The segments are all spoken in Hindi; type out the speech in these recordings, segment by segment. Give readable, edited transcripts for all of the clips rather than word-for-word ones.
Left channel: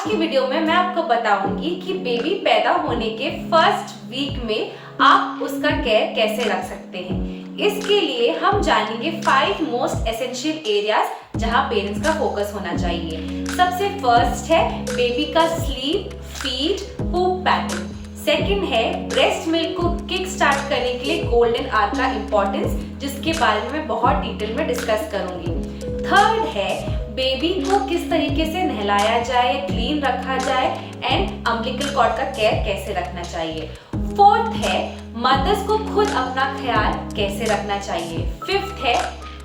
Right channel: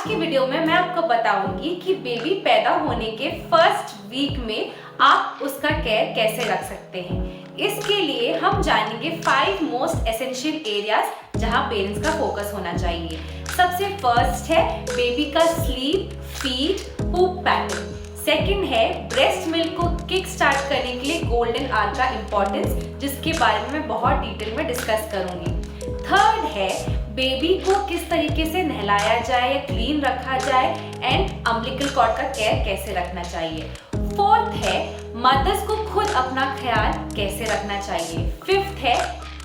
आज की वीडियो में मैं आपको बताऊंगी कि बेबी पैदा होने के फर्स्ट वीक में आप उसका केयर कैसे रख सकते हैं। इसके लिए हम जानेंगे 5 मोस्ट एसेंशियल एरियाज जहां पेरेंट्स का फोकस होना चाहिए। सबसे फर्स्ट है बेबी का स्लीप, फीड, पूप पैटर्न। सेकंड है ब्रेस्ट मिल्क को किक स्टार्ट करने के लिए गोल्डन आवर का इंपॉर्टेंस, जिसके बारे में मैं बहुत डिटेल में डिस्कस करूंगी। थर्ड है बेबी को किस तरीके से नहलाया जाए, क्लीन रखा जाए एंड अम्बिलिकल कॉर्ड का केयर कैसे रखना चाहिए। फोर्थ है मदर्स को खुद अपना ख्याल कैसे रखना चाहिए। फिफ्थ है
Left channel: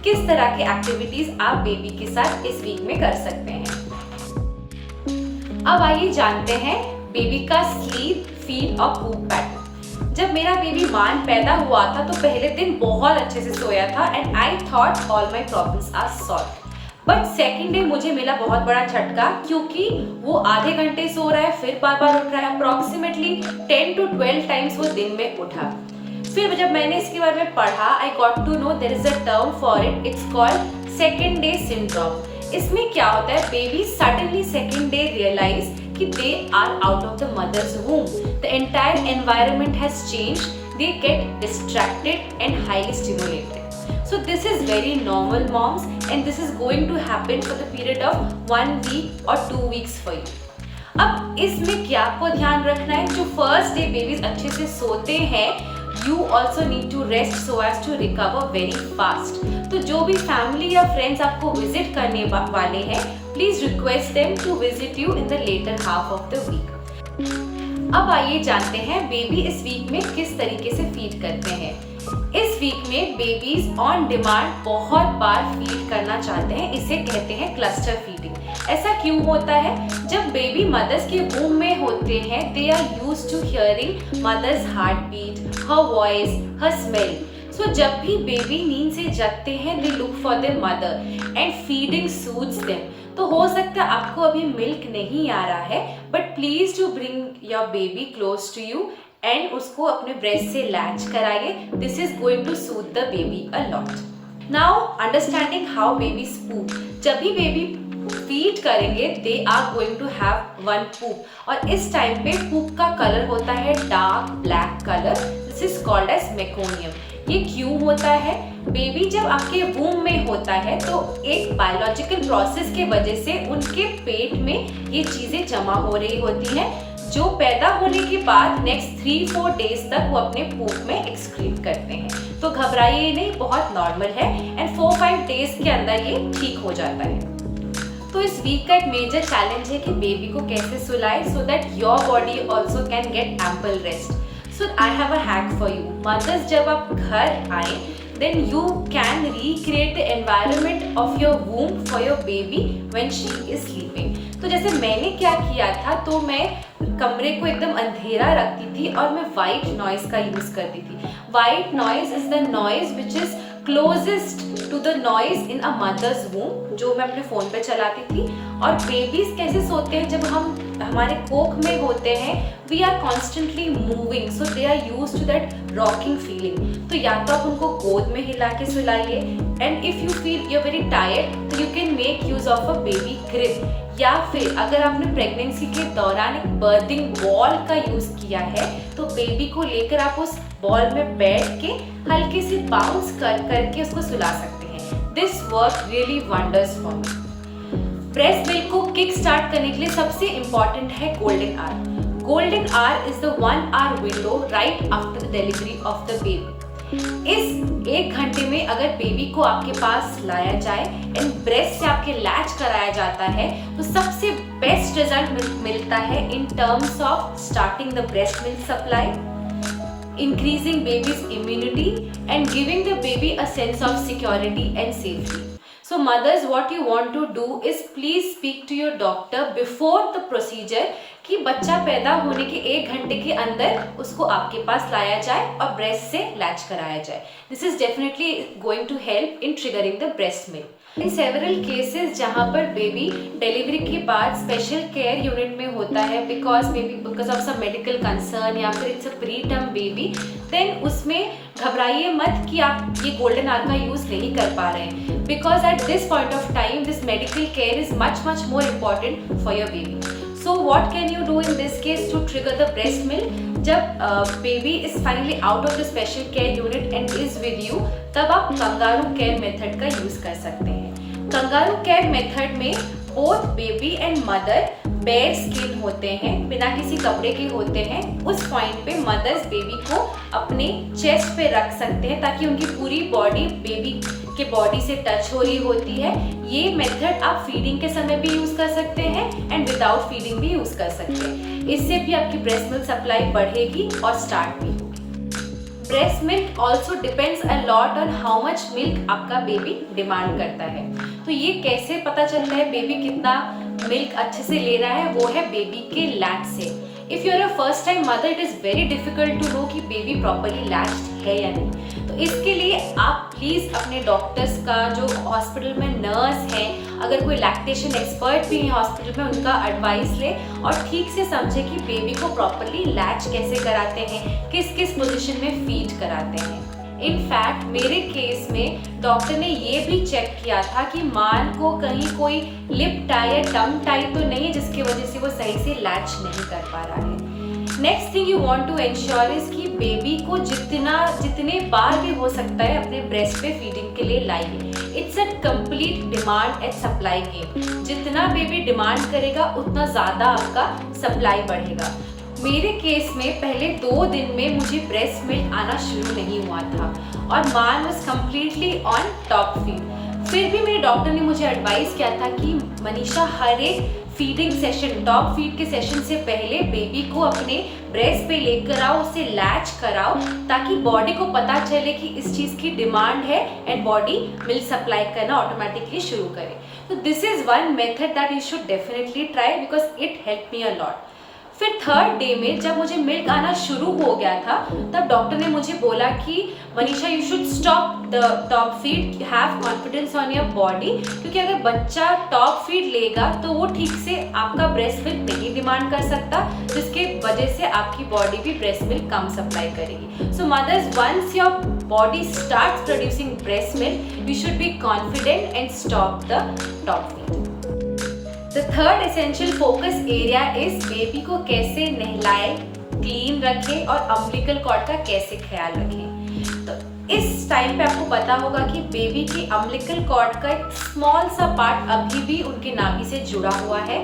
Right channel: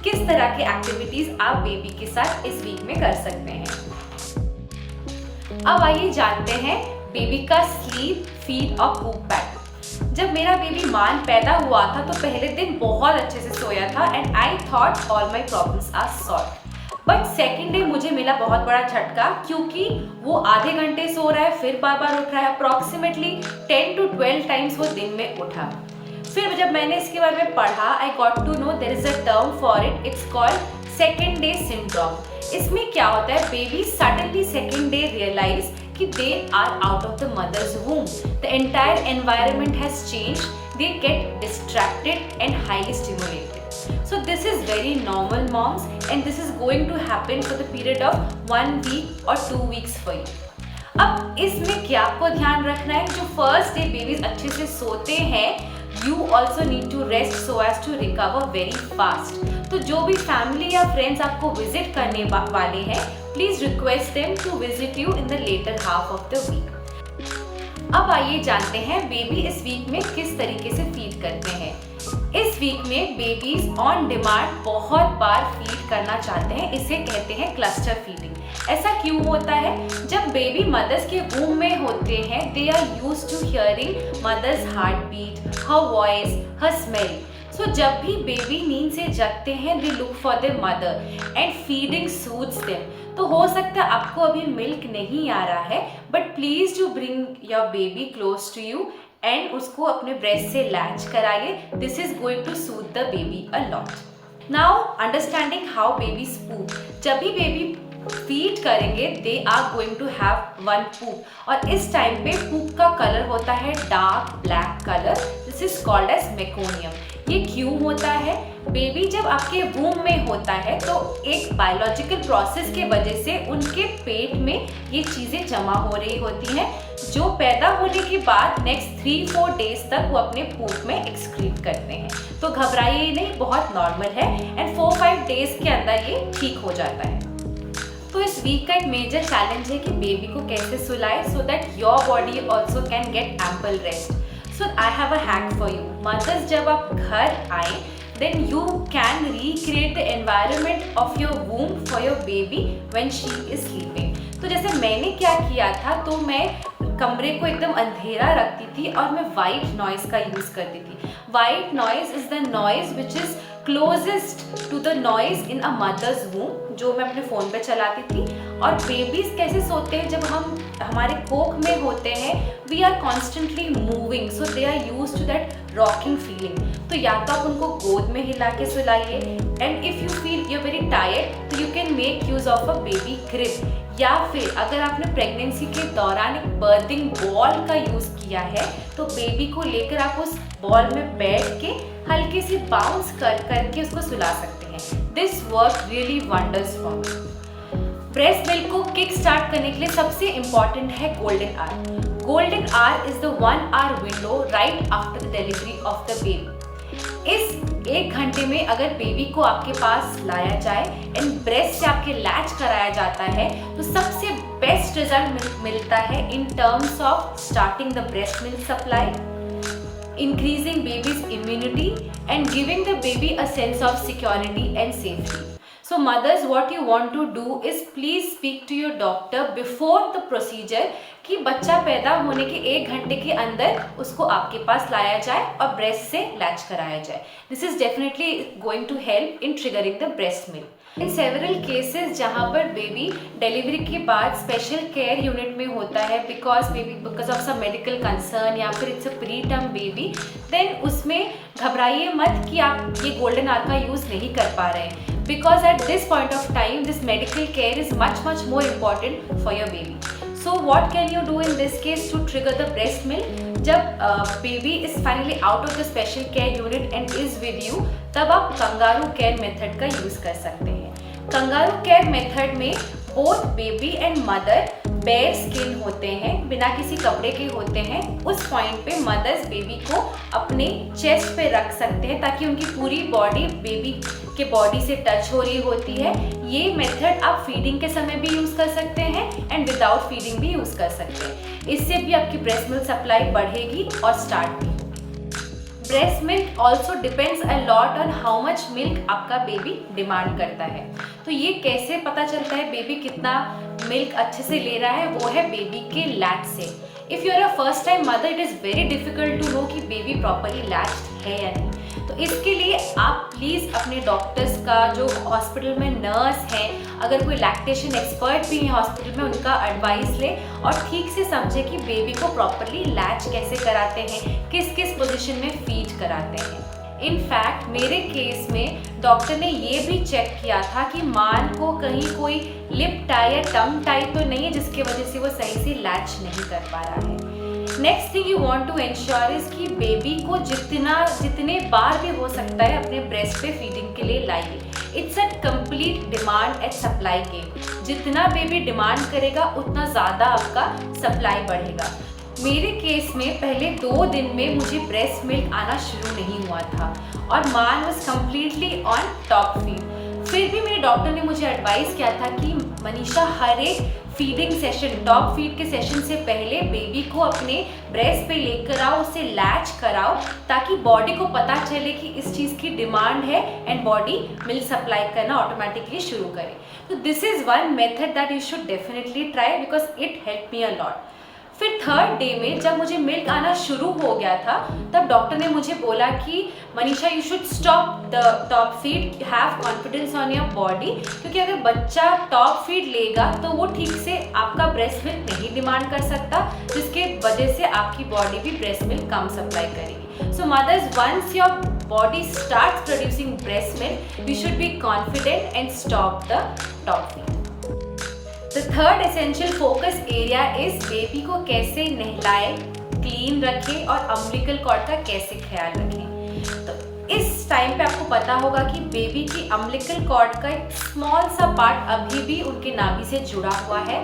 किस तरह की एक्टिविटीज आप बेबी के साथ इस वीक में कर सकते हैं। अब आइए जानते हैं बेबी का स्लीप, फीड और पूप पैटर्न। जब मेरा बेबी मान पैदा हुआ था तो पहले दिन बहुत अच्छे से सोया था and I thought all my problems are solve. But second day मुझे मिला बहुत बड़ा झटका, क्योंकि वो आधे घंटे सो रहा है फिर बार बार उठ रहा है। अप्रॉक्सीमेटली 10 to 12 टाइम्स वो दिन में उठा। फिर जब मैंने इसके बारे में पढ़ा, I got to know there is a term for it, it's called second day syndrome. इसमें क्या होता है, baby suddenly second day realise कि they are out of the mother's womb, the entire environment has changed, they get distracted and highly stimulated. So this is very normal, moms, and this is going to happen for the period of 1 week or 2 weeks for you. अब इसमें क्या आपको ध्यान रखना है, जो फर्स्ट डे बेबीज अच्छे से सोते हैं, you also need to rest so as to recover very fast. तो जो भी फैमिली या फ्रेंड्स आपको विजिट करने वाले हैं, please request them to visit you in the latter half of the week. अब आइए जानते हैं बेबी इस वीक में किस तरीके से फीड करते हैं. इस वीक में बेबीज ऑन डिमांड बहुत बार फीड करना चाहते हैं, इसे कहते हैं क्लस्टर फीडिंग. ऐसा क्यों होता है? जब बेबी मदर्स के वूम में होते हैं, they are used to hearing mother's heart beat, her voice, her smell. So जब भी बेबी नींद से जगते हैं, they look for their mother and feeding suits them. तो हो सकता है आपको अभी मिल्क नहीं आ रहा है, but please to bring your baby close to you and उसको अपने ब्रेस्ट से लैच कराइए. This is going to suit the baby a lot. Now understanding how babies poop. जब भी बेबी फीड करेंगे, they are going to have one poop, और इस टाइम पे पूप का कलर होता है dark black colour. This is called as meconium. ये क्यों होता है? बेबी जब आपके वूम में होता है तो एक बायोलॉजिकल प्रोसेस के वजह से उनके पेट में ये चीज़ें जमा हो रही होती हैं, जो पैदा होने के बाद नेक्स्ट 3-4 डेज तक वो अपने पूप में एक्सक्रीट करते हैं. तो घबराइए नहीं, बहुत नॉर्मल है एंड 4-5 डेज के अंदर ये ठीक हो जाता है. तो इस वीक का एक मेजर चैलेंज है कि बेबी को कैसे सुलाए so that your body also can get ample rest. So I have a hack for you. Mothers, जब आप घर आए, then you can recreate the environment of your womb for your baby when she is sleeping. तो जैसे मैंने क्या किया था, तो मैं कमरे को एकदम अंधेरा रखती थी और मैं वाइट नॉइज का यूज करती थी. White noise is the noise which is closest to the noise in a mother's womb, जो मैं अपने फोन पे चलाती थी. और बेबीज कैसे सोते हैं, जब हम हमारे कोख में होते हैं, we are constantly moving, so they are use to that rocking feeling. तो या तो आप उनको गोद में हिला के सुलाइए, and if you feel you are very tired तो you can make use of a baby crib. या फिर अगर आपने प्रेगनेंसी के दौरान एक बर्थिंग बॉल का यूज किया है, तो बेबी को लेकर आप उस बॉल में बैठ के हल्की सी बाउंस करके उसको सुला सकते हैं. This work really wonders for me. Breast milk को किक स्टार्ट करने के लिए सबसे इम्पॉर्टेंट है golden hour. Golden hour is the 1 hour window right after the delivery of the baby. इस 1 घंटे में अगर बेबी को आपके पास लाया जाए एंड ब्रेस्ट से आपके लैच कराया जाता है, तो सबसे बेस्ट रिजल्ट मिलता है in terms of starting the breast milk supply, increasing baby's immunity and giving the baby a sense of security and safety. So mothers, what you want to do is please speak to your doctor before the procedure कि बच्चा पैदा होने के 1 घंटे के अंदर उसको आपके पास लाया जाए और ब्रेस्ट से लैच कराया जाए. This is definitely going to help in triggering the breast milk. In several cases जहाँ पर बेबी डिलीवरी के बाद स्पेशल केयर यूनिट में होता है because of some medical concern या फिर it's a pre term baby, then उसमें घबराइए मत कि आप ये गोल्डन आवर का यूज़ नहीं कर पा रहे हैं. because at this point of time this medical care is much more important for your baby. So what can you do in this case to trigger the breast milk? जब baby is finally out of the special care unit and is with you, तब आप कंगारू केयर मेथड का यूज कर सकते हैं। कंगारू केयर मेथड में both baby and mother bare skin होते हैं, बिना किसी कपड़े के होते हैं। उस पॉइंट पे मदर्स बेबी को अपने चेस्ट पे रख सकते हैं ताकि उनकी पूरी बॉडी बेबी के बॉडी से टच हो रही होती है। ये मेथड आप फीडिंग के समय भी यूज कर सकते हैं एंड विदाउट फीडिंग भी यूज कर सकते हैं। इससे भी आपकी ब्रेस्ट मिल्क सप्लाई बढ़ेगी और स्टार्ट भी होगी। Breast milk also depends a lot on how much milk आपका बेबी डिमांड करता है। तो ये कैसे पता चलता है बेबी कितना मिल्क अच्छे से ले रहा है? वो है बेबी के लैच से। If you are a first time mother, it is very difficult to know कि बेबी प्रॉपरली लैच्ड है या नहीं। तो इसके लिए आप प्लीज़ अपने डॉक्टर्स का, जो हॉस्पिटल में नर्स है, अगर कोई लैक्टेशन एक्सपर्ट भी है हॉस्पिटल में, उनका एडवाइस लें और ठीक से समझे कि बेबी को प्रॉपरली लैच कैसे कराते हैं, किस किस पोजीशन में फीड कराते हैं। इनफैक्ट मेरे केस में डॉक्टर ने ये भी चेक किया था कि मान को कहीं कोई लिप टाई या टंग टाई तो नहीं है जिसकी वजह से वो सही से लैच नहीं कर पा रहा है। Next thing you want to ensure is कि बेबी को जितने बार भी हो सकता है अपने ब्रेस्ट पे फीडिंग के लिए लाइए। It's a complete demand and supply game. जितना बेबी डिमांड करेगा उतना ज़्यादा आपका सप्लाई बढ़ेगा। मेरे केस में पहले 2 दिन में मुझे ब्रेस्ट मिल्क आना शुरू नहीं हुआ था और मान was completely on top feed. फिर भी मेरे डॉक्टर ने मुझे एडवाइस किया था कि मनीषा, हर एक फीडिंग सेशन, टॉप फीड के सेशन से पहले बेबी को अपने ब्रेस्ट पे लेकर आओ, उसे लैच कराओ ताकि बॉडी को पता चले कि इस चीज़ की डिमांड है एंड बॉडी मिल्क सप्लाई करना ऑटोमेटिकली शुरू करे। तो this is one method that you should definitely try because it help me a lot. फिर 3rd डे में जब मुझे मिल्क आना शुरू हो गया था, तब डॉक्टर ने मुझे बोला कि Manisha, you should stop the top feed, have confidence on your body, क्योंकि अगर बच्चा टॉप फीड लेगा तो वो ठीक से आपका ब्रेस्ट मिल्क नहीं डिमांड कर सकता, जिसके वजह से आपकी बॉडी भी ब्रेस्ट मिल्क कम सप्लाई करेगी। So mothers, once your body starts producing breast milk, you should be confident and stop the top feed. The third essential focus area is baby को कैसे नहलाए, क्लीन रखें और अम्बिलिकल कॉर्ड का कैसे ख्याल रखें। तो इस टाइम पे आपको पता होगा कि बेबी की अम्बिलिकल कॉर्ड का एक स्मॉल सा पार्ट अभी भी उनके नाभि से जुड़ा हुआ है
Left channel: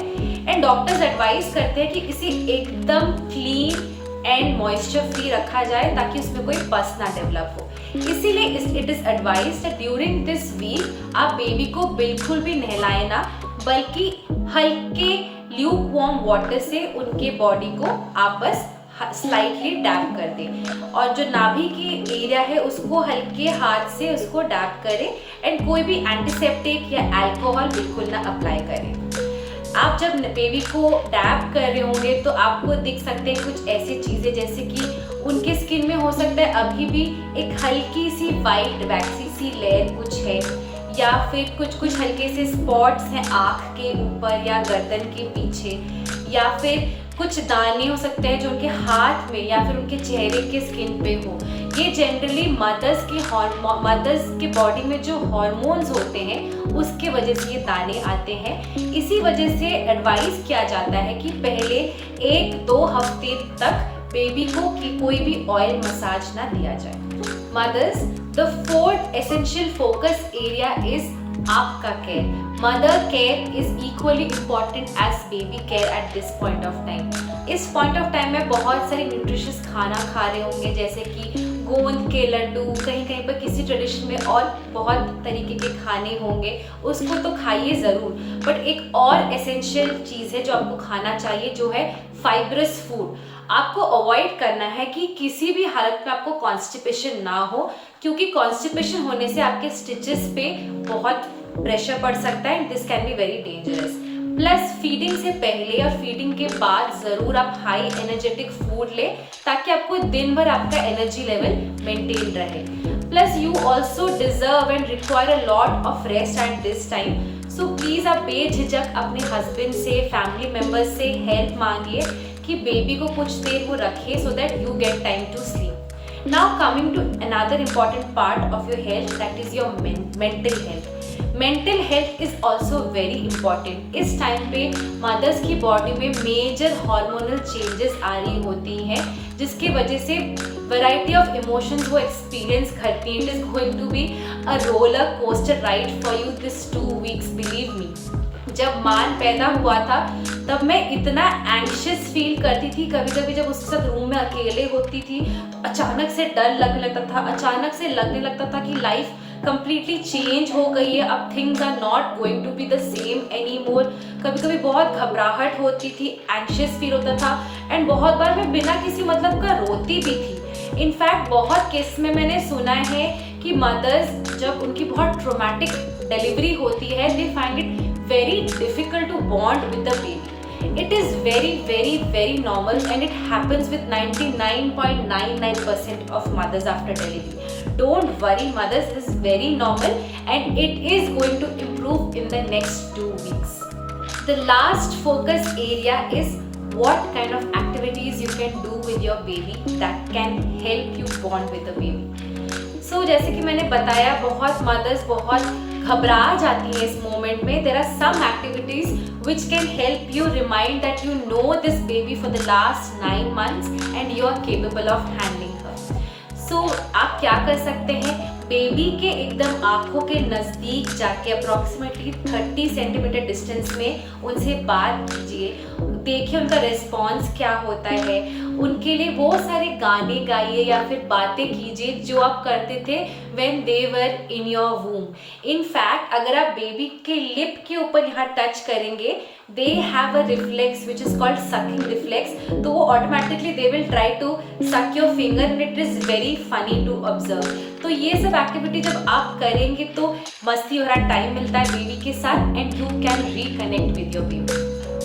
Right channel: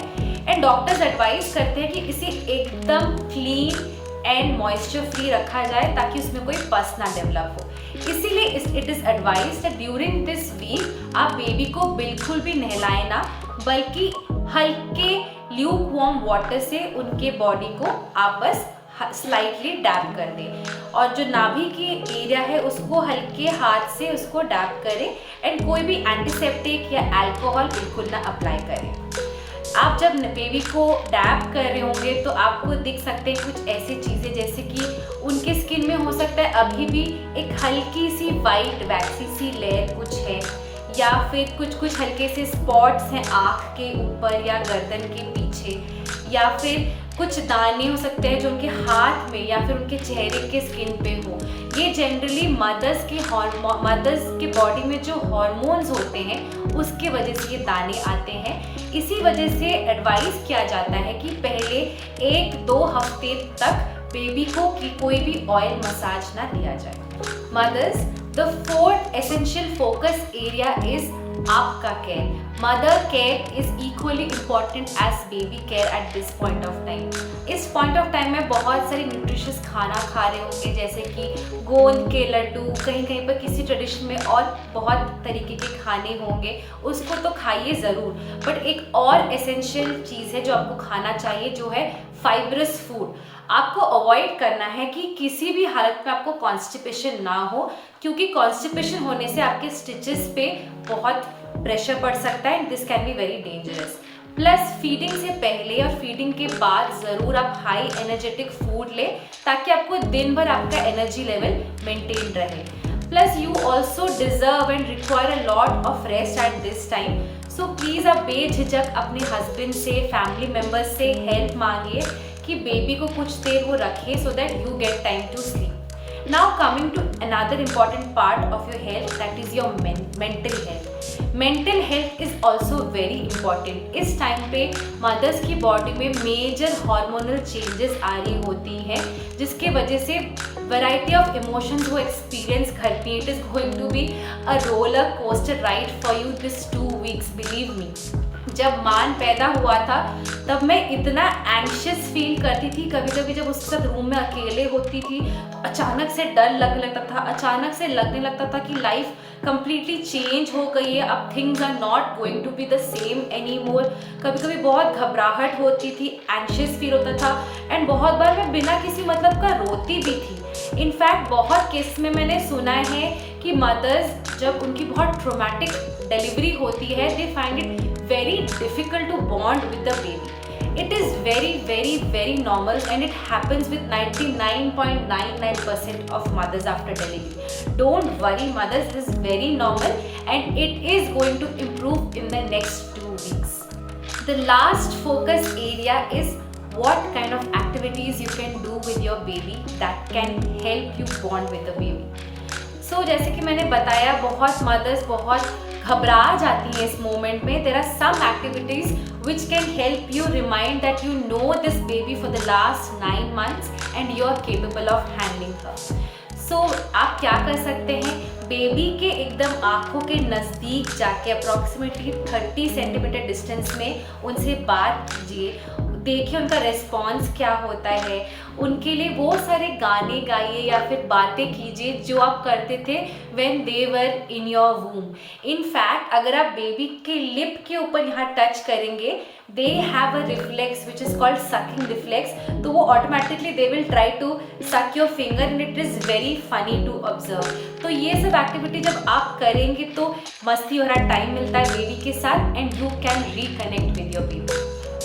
एंड डॉक्टर्स एडवाइस करते हैं कि इसे एकदम क्लीन एंड मॉइस्चर फ्री रखा जाए ताकि उसमें कोई पस ना डेवलप हो। इसीलिए it is advised that during this week आप बेबी को बिल्कुल भी नहलाए ना, बल्कि हल्के ल्यूक वार्म वाटर से उनके बॉडी को आप बस स्लाइटली डैप कर दें और जो नाभि की एरिया है उसको हल्के हाथ से उसको डैप करें एंड कोई भी एंटीसेप्टिक या अल्कोहल बिल्कुल ना अप्लाई करें। आप जब बेबी को डैप कर रहे होंगे तो आपको दिख सकते हैं कुछ ऐसी चीज़ें जैसे कि उनके स्किन में हो सकता है अभी भी एक हल्की सी वाइट वैक्सी सी लेयर कुछ है, या फिर कुछ हल्के से स्पॉट्स हैं आँख के ऊपर या गर्दन के पीछे, या फिर कुछ दाने हो सकते हैं जो उनके हाथ में या फिर उनके चेहरे के स्किन पे हो। ये जनरली मदर्स के बॉडी में जो हॉर्मोन्स होते हैं उसके वजह से ये दाने आते हैं। इसी वजह से एडवाइस किया जाता है कि पहले 1-2 हफ्ते तक बेबी को कोई भी ऑयल मसाज ना दिया जाए। Mothers, the 4th essential focus area is आपका care. Mother care is equally important as baby care at this point of time. इस पॉइंट ऑफ टाइम में बहुत सारी न्यूट्रिशियस खाना खा रहे होंगे जैसे कि गोंद के लड्डू, कहीं कहीं पर किसी ट्रेडिशन में और बहुत तरीके के खाने होंगे, उसको तो खाइए ज़रूर। बट एक और एसेंशियल चीज़ है जो आपको खाना चाहिए, जो है फाइब्रस फूड। आपको अवॉइड करना है कि किसी भी हालत में आपको कॉन्स्टिपेशन ना हो, क्योंकि कॉन्स्टिपेशन होने से आपके स्टिचेस पे बहुत प्रेशर पड़ सकता है and this can be very dangerous. Plus feeding से पहले और फीडिंग के बाद ज़रूर आप हाई एनर्जेटिक फूड लें ताकि आपको दिन भर आपका एनर्जी लेवल मेंटेन रहे। Plus you also deserve and require a lot of rest at this time. So please आप बेझिझक अपने हस्बैंड से, फैमिली मेम्बर्स से हेल्प मांगिए कि बेबी को कुछ देर वो रखे so that you get time to sleep. Now coming to another important part of your health, that is your mental health. Mental health is also very important. इस टाइम पे मदर्स की बॉडी में मेजर हार्मोनल चेंजेस आ रही होती हैं, जिसके वजह से वैरायटी ऑफ इमोशंस वो एक्सपीरियंस करती हैं। It is going to be a roller coaster ride for you this 2 weeks, believe me. जब मान पैदा हुआ था तब मैं इतना एंग्शियस फील करती थी, कभी कभी जब उसके साथ रूम में अकेले होती थी तो अचानक से डर लगने लगता था, अचानक से लगने लगता था कि लाइफ कंप्लीटली चेंज हो गई है, अब things are not going to be the same anymore. कभी कभी बहुत घबराहट होती थी, एंग्शियस फील होता था, एंड बहुत बार मैं बिना किसी मतलब का रोती भी थी। इनफैक्ट बहुत केस में मैंने सुना है कि मदर्स जब उनकी बहुत ट्रोमैटिक डिलीवरी होती है, they find it very difficult to bond with the baby. It is very normal, and it happens with 99.99% of mothers after delivery. Don't worry mothers, this is very normal and it is going to improve in the next 2 weeks. The last focus area is what kind of activities you can do with your baby that can help you bond with the baby. So जैसे कि मैंने बताया, बहुत mothers बहुत घबरा जाती हैं इस मोमेंट में। There are some activities which can help you remind that you know this baby for the last 9 months and you are capable of handling her. So आप क्या कर सकते हैं, बेबी के एकदम आँखों के नज़दीक जाके अप्रॉक्सीमेटली 30 सेंटीमीटर डिस्टेंस में उनसे बात कीजिए, देखिए उनका रिस्पॉन्स क्या होता है। उनके लिए वो सारे गाने गाइए या फिर बातें कीजिए जो आप करते थे when they were in your womb. In fact अगर आप बेबी के लिप के ऊपर यहाँ टच करेंगे, they have a reflex which is called sucking reflex, तो वो automatically they will try to suck your finger and it is very funny to observe. तो ये सब एक्टिविटी जब आप करेंगे तो मस्ती भरा टाइम मिलता है बेबी के साथ and you can reconnect with your baby.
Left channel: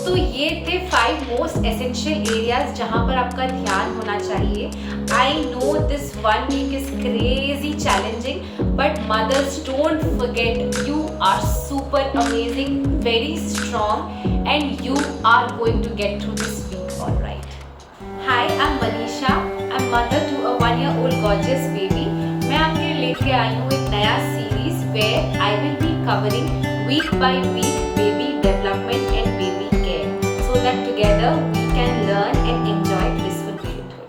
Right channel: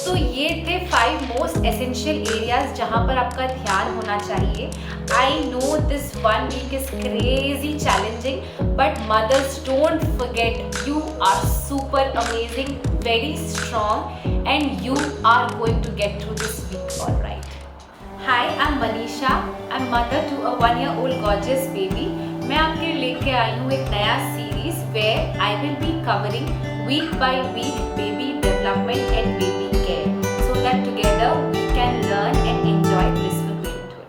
तो ये थे 5 मोस्ट एसेंशियल एरियाज जहाँ पर आपका ध्यान होना चाहिए। आई नो दिस 1 week इज crazy challenging, but mothers don't forget, you are super amazing, very strong and you are going to get through this week all right. Hi, I am Manisha, I am mother to a 1-year-old gorgeous baby. मैं आपके लिए लेके आई हूँ एक नया series where I will be covering week by week baby development and baby care, so that together we can learn